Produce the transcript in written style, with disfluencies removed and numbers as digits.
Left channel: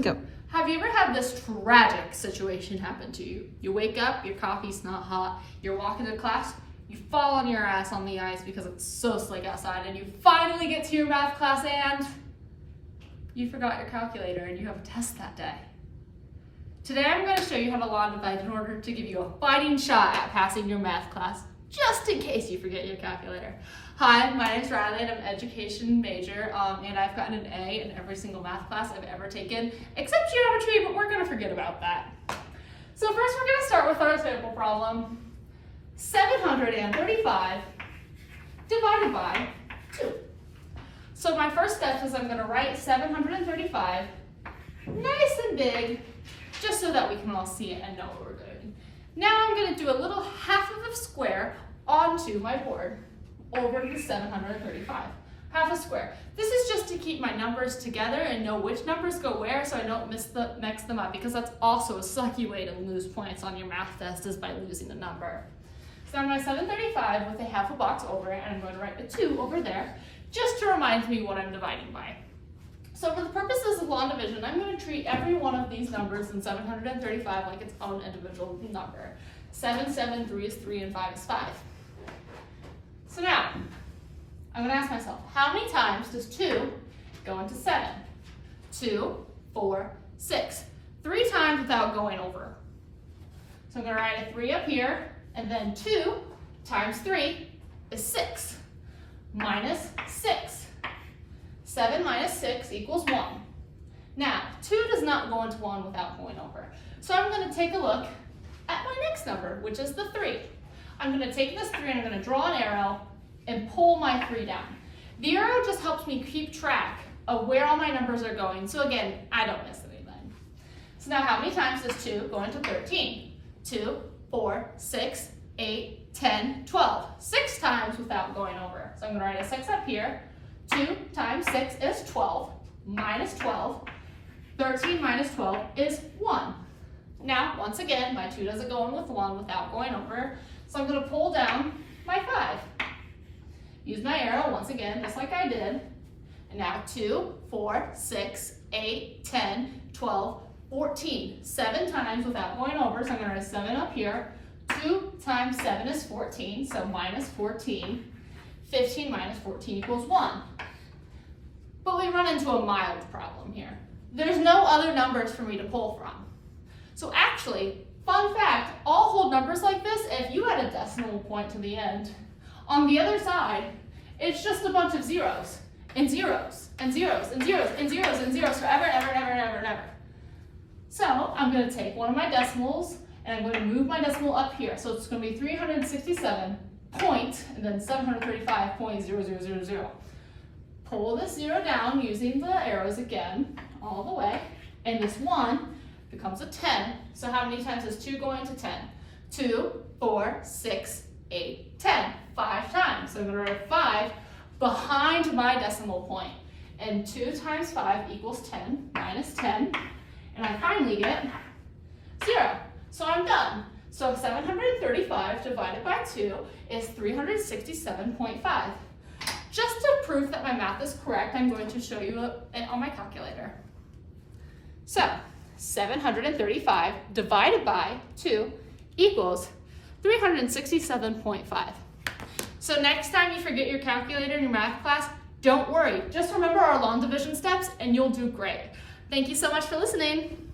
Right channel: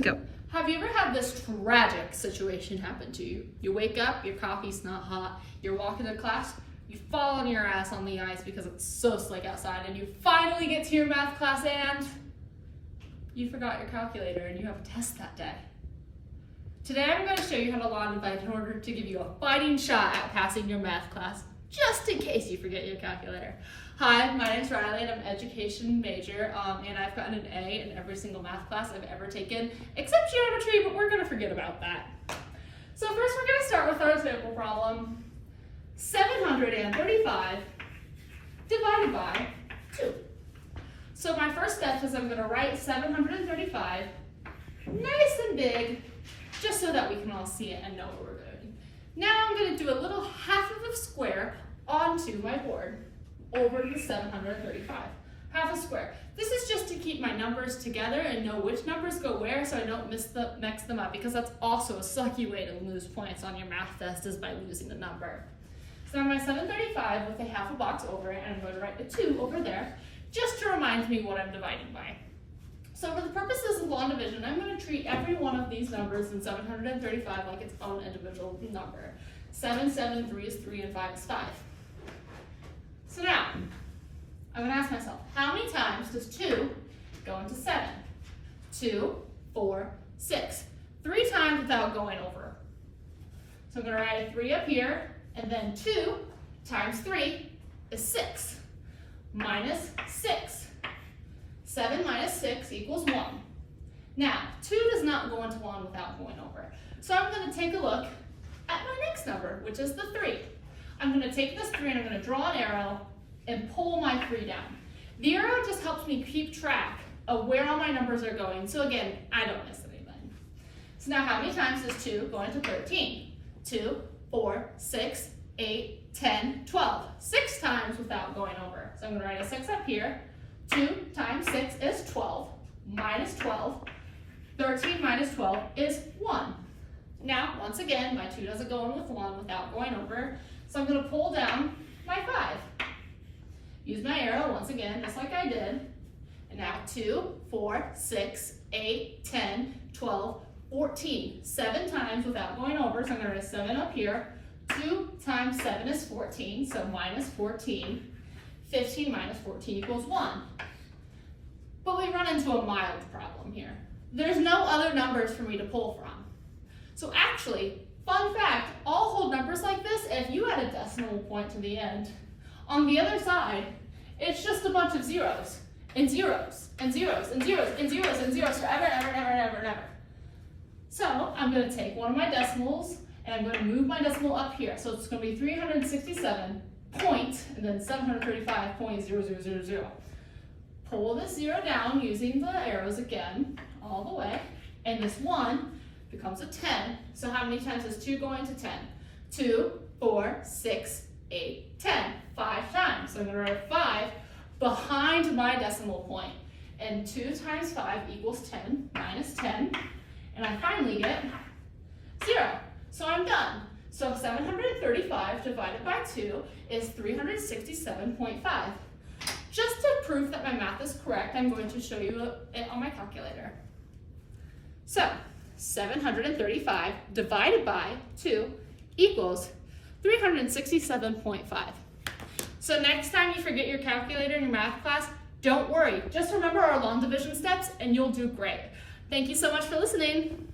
Go. Have you ever had this tragic situation happen to you? You wake up, your coffee's not hot, you're walking to class, you fall on your ass on the ice because it's so slick outside, and you finally get to your math class and you forgot your calculator and you have a test that day. Today I'm going to show you how to law and divide in order to give you a fighting shot at passing your math class, just in case you forget your calculator. Hi, my name's Riley and I'm an education major, and I've gotten an A in every single math class I've ever taken, except geometry, but we're going to forget about that. So first we're going to start with our sample problem. 735 divided by 2. So my first step is I'm going to write 735 nice and big, just so that we can all see it and know what we're doing. Now I'm going to do a little half of a square onto my board over the 735. Half a square. This is just to keep my numbers together and know which numbers go where so I don't mix them up, because that's also a sucky way to lose points on your math test, is by losing a number. So on my 735 with a half a box over it, I'm going to write the 2 over there just to remind me what I'm dividing by. So for the purposes of law and division, I'm going to treat every one of these numbers in 735 like its own individual number. 7, 7, 3 is 3, and 5 is 5. So now, I'm going to ask myself, how many times does 2 go into 7? 2, 4, 6. 3 times without going over. So I'm going to write a 3 up here, and then 2 times 3 is 6, minus 6. 7 minus 6 equals 1. Now, 2 does not go into 1 without going over. So I'm going to take a look at my next number, which is the 3. I'm going to take this 3 and I'm going to draw an arrow and pull my 3 down. The arrow just helps me keep track of where all my numbers are going, so again, I don't miss anything. So now how many times does 2 go into 13? 2, 4, 6, 8, 10, 12. 6 times without going over. So I'm going to write a 6 up here. 2 times 6 is 12, minus 12. 13 minus 12 is 1. Now, once again, my 2 doesn't go in with 1 without going over, so I'm going to pull down my 5. Use my arrow once again, just like I did. And now 2, 4, 6, 8, 10, 12, 14. 7 times without going over, so I'm going to write a 7 up here. 2 times 7 is 14, so minus 14. 15 minus 14 equals 1. But we run into a mild problem here. There's no other numbers for me to pull from. So actually, fun fact, all whole numbers like this, if you add a decimal point to the end, on the other side, it's just a bunch of zeros, and zeros, and zeros, and zeros, and zeros, and zeros forever and ever and ever and ever and ever. So I'm going to take one of my decimals, and I'm going to move my decimal up here. So it's going to be 367 point, and then 735.0000. Pull this 0 down using the arrows again, all the way, and this 1 becomes a 10. So how many times does 2 go into 10? 2, 4, 6, 8, 10. 5 times. So I'm going to write 5 behind my decimal point. And 2 times 5 equals 10, minus 10. And I finally get 0. So I'm done. So 735 divided by 2 is 367.5. Just to prove that my math is correct, I'm going to show you it on my calculator. So 735 divided by 2 equals 367.5. So next time you forget your calculator in your math class, don't worry. Just remember our long division steps and you'll do great. Thank you so much for listening.